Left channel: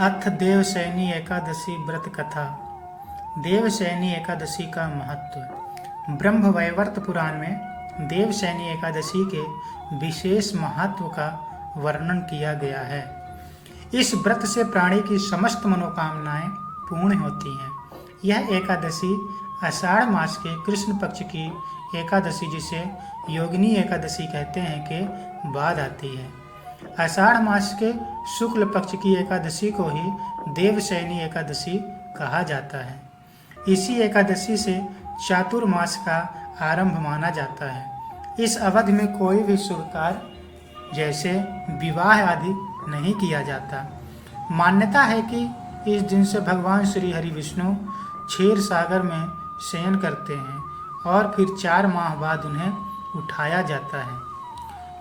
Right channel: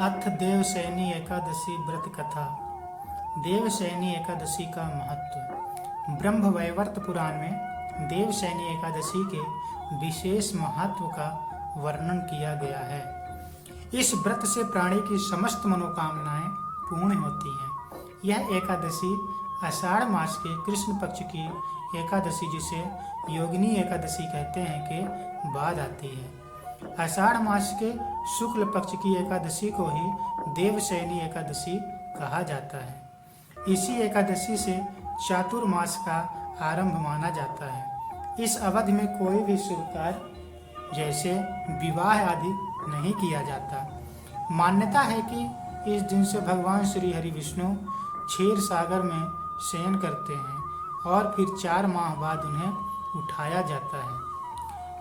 अथ देवशयनी एकादशी व्रत कथा। देवशयनी एकादशी का महत्व। ब्रह्म वैवर्त पुराण में देवशयनी एकादशी के विशेष महत्व का वर्णन किया गया है। इस व्रत से प्राणी की समस्त मनोकामनाएं पूर्ण होती हैं। यह एकादशी आषाढ़ मास के कृष्ण पक्ष की एकादशी, जिसे योगिनी एकादशी कहते हैं, के बाद आती है। आषाढ़ मास के शुक्ल पक्ष की एकादशी को ही देवशयनी एकादशी कहा जाता है। इसी एकादशी से चातुर्मास का आरंभ माना जाता है। इस अवधि में कोई भी शुभ कार्य जैसे विवाह आदि नहीं किया जाता। मान्यता है कि इस दिन से भगवान श्री हरि विष्णु क्षीर सागर में शयन करते हैं और फिर 4 माह बाद उन्हें उठाया जाता है।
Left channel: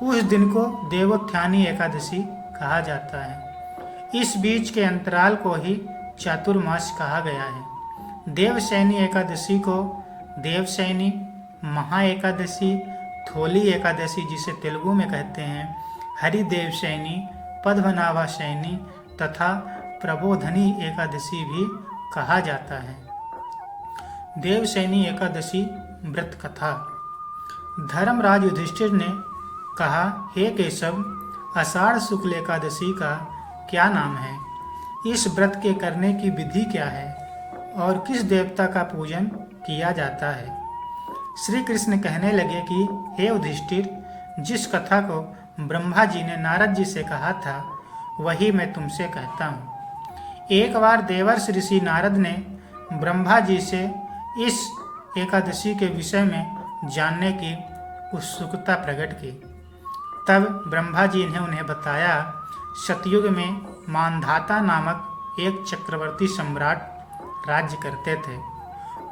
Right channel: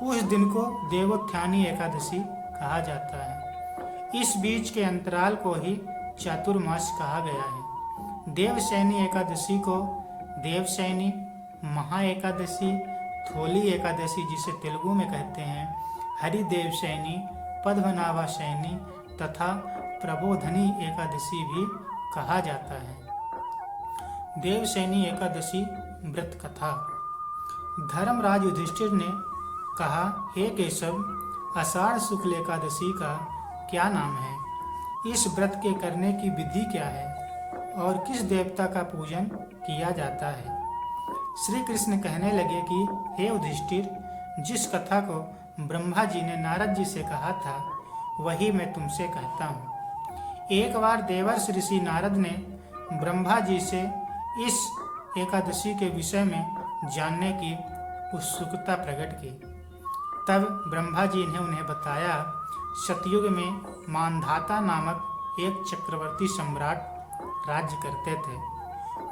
उस दिन को देवोत्थानी एकादशी कहा जाता है। इस बीच के अंतराल को ही चातुर्मास कहा गया है। देवशयनी एकादशी को देवशयनी, महा एकादशी, थोली एकादशी जिसे तेलुगु में कहते हैं, हरिदेवशयनी, पद्मनाभा शयनी तथा प्रबोधनी एकादशी भी कहा जाता है। देवशयनी एकादशी व्रत कथा। धर्मराज युधिष्ठिर ने कहा, हे केशव, आषाढ़ शुक्ल एकादशी का क्या नाम है? इस व्रत के करने की विधि क्या है और किस देवता का पूजन किया जाता है? श्री कृष्ण कहने लगे कि हे युधिष्ठिर, जिस कथा को ब्रह्मा जी ने नारद जी से कहा था वही मैं तुमसे कहता हूँ। एक बार देवर्षि ऋषि नारद ने ब्रह्मा जी से इस एकादशी के विषय में जानने की उत्सुकता प्रकट की। तब ब्रह्मा जी ने उन्हें बताया, सतयुग में मानधाता नामक एक चक्रवर्ती सम्राट राज्य करते थे।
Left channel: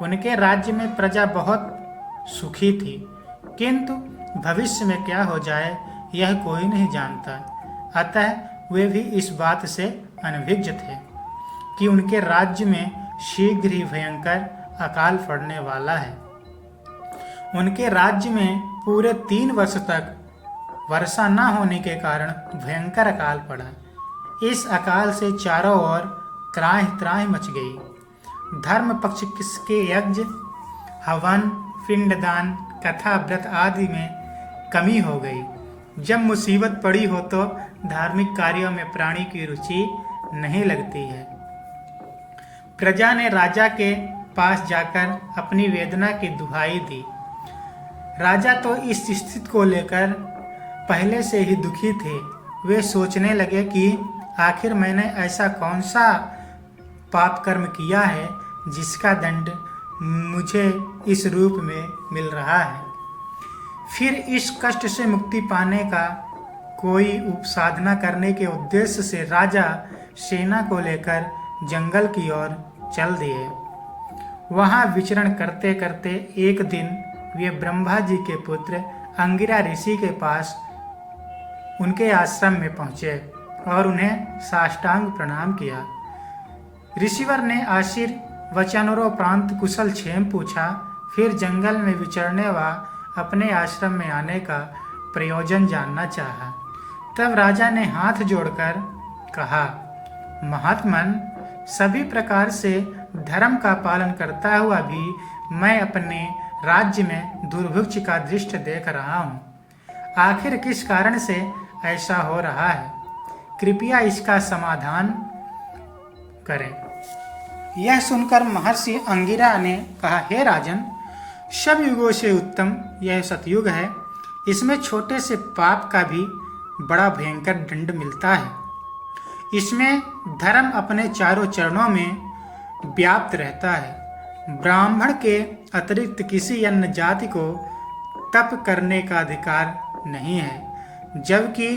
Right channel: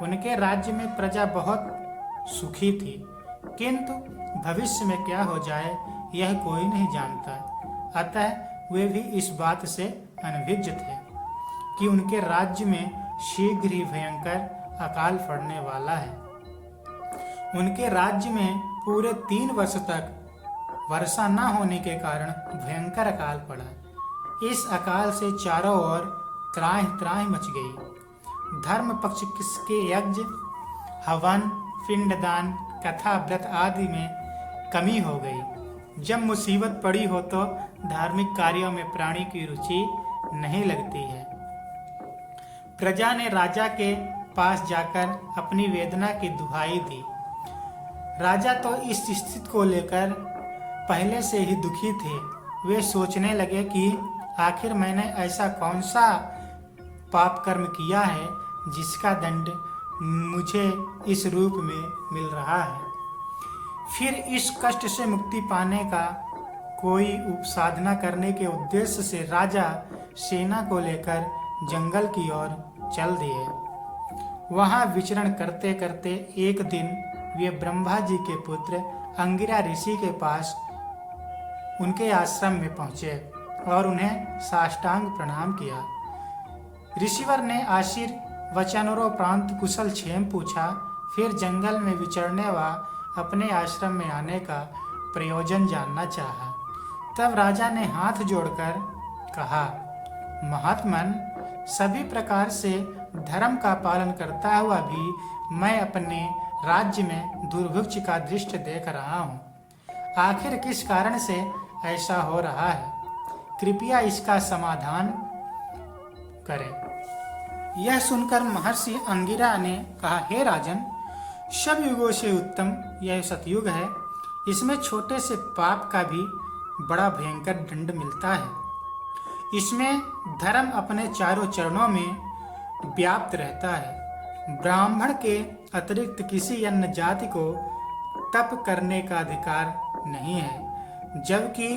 उनके राज्य में प्रजा बहुत सुखी थी, किंतु भविष्य में क्या हो जाए यह कोई नहीं जानता। अतः वे भी इस बात से अनभिज्ञ थे कि उनके राज्य में शीघ्र ही भयंकर अकाल पड़ने वाला है। उनके राज्य में पूरे 3 वर्ष तक वर्षा न होने के कारण भयंकर अकाल पड़ा। इस अकाल से चारों ओर त्राहि त्राहि मच गई। धर्म पक्ष के यज्ञ, हवन, पिंडदान, कथा, व्रत आदि में कमी हो गई। जब मुसीबत पड़ी हो तो धार्मिक कार्यों में प्राणी की रुचि नहीं लगती है। प्रजा ने राजा के पास जाकर अपनी वेदना की दुहाई दी। राजा तो इस स्थिति को लेकर पहले से ही दुखी थे। वे सोचने लगे कि आखिर मैंने ऐसा कौन सा पाप कर्म किया है जिसका दंड मुझे इस रूप में मिल रहा है। फिर इस कष्ट से मुक्ति पाने का कोई उपसाधना करने के उद्देश्य से राजा सेना को लेकर जंगल की ओर चल दिए। वहां विचरण करते करते एक दिन वे ब्रह्मा जी के पुत्र अंगिरा ऋषि के पास उनके आश्रम में पहुंचे और उन्हें साष्टांग प्रणाम किया। ऋषिवर ने आशीर्वचनोपरांत कुशल क्षेम पूछा। फिर जंगल में विचरने व अपने आश्रम में आने का प्रयोजन जानना चाहा। तब राजा ने हाथ जोड़कर कहा, महात्मन, सभी प्रकार से धर्म का पालन करता हुआ भी मैं अपने राज्य में दुर्भिक्ष का दृश्य देख रहा हूँ। आखिर किस कारण से ऐसा हो रहा है? कृपया इसका समाधान करें। यह सुनकर महर्षि अंगिरा ने कहा, हे राजन, सब युगों से उत्तम यह सतयुग है। इसमें छोटे से पाप का भी बड़ा भयंकर दंड मिलता है। इसमें धर्म अपने चारों चरणों में व्याप्त रहता है। ब्राह्मण के अतिरिक्त किसी अन्य जाति को तप करने का अधिकार नहीं है, जबकि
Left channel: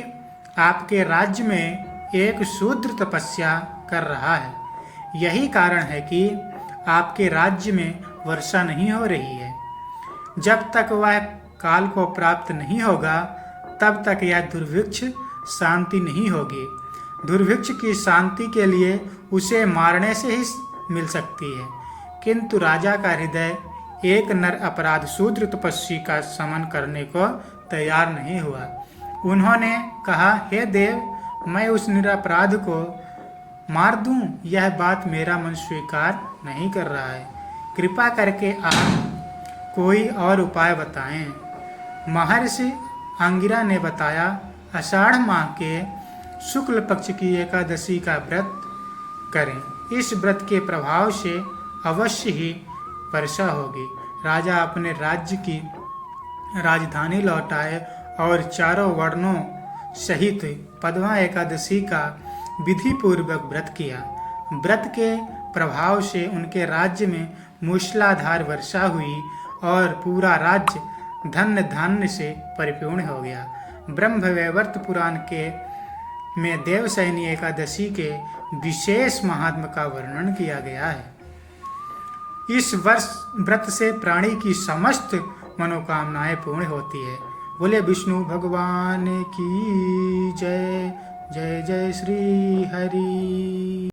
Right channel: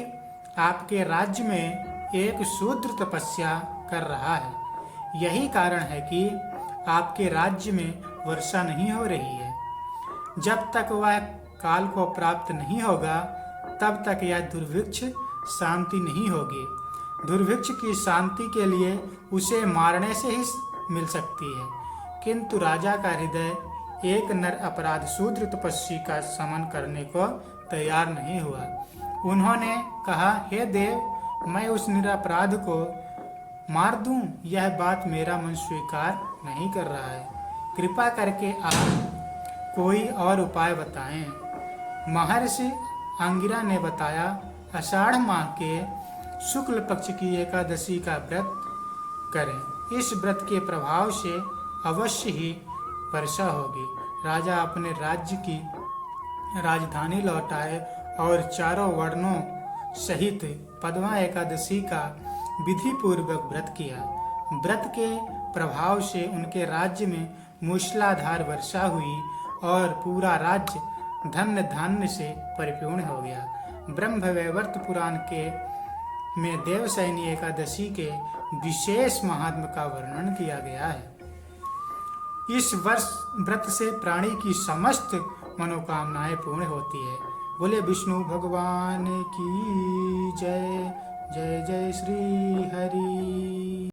आपके राज्य में एक शूद्र तपस्या कर रहा है। यही कारण है कि आपके राज्य में वर्षा नहीं हो रही है। जब तक वह काल को प्राप्त नहीं होगा तब तक यह दुर्भिक्ष शांति नहीं होगी। दुर्भिक्ष की शांति के लिए उसे मारने से ही मिल सकती है, किंतु राजा का हृदय एक नर अपराध शूद्र तपस्वी का समन करने को तैयार नहीं हुआ। उन्होंने कहा, हे देव, मैं उस निरपराध को मार दूं, यह बात मेरा मन स्वीकार नहीं कर रहा है। कृपा करके आप कोई और उपाय बताएं। महर्षि अंगिरा ने बताया, आषाढ़ माह के शुक्ल पक्ष की एकादशी का व्रत करें। इस व्रत के प्रभाव से अवश्य ही वर्षा होगी। राजा अपने राज्य की राजधानी लौट आए और चारों वर्णों सहित पद्मा एकादशी का विधि पूर्वक व्रत किया। व्रत के प्रभाव से उनके राज्य में मूसलाधार वर्षा हुई और पूरा राज्य धन्य धान्य से परिपूर्ण हो गया। ब्रह्मवैवर्त पुराण के में देवशयनी एकादशी के विशेष महात्म का वर्णन किया गया है। इस वर्ष व्रत से प्राणी की समस्त मनोकामनाएं पूर्ण होती है। बोले विष्णु भगवान की जय। जय जय श्री हरि।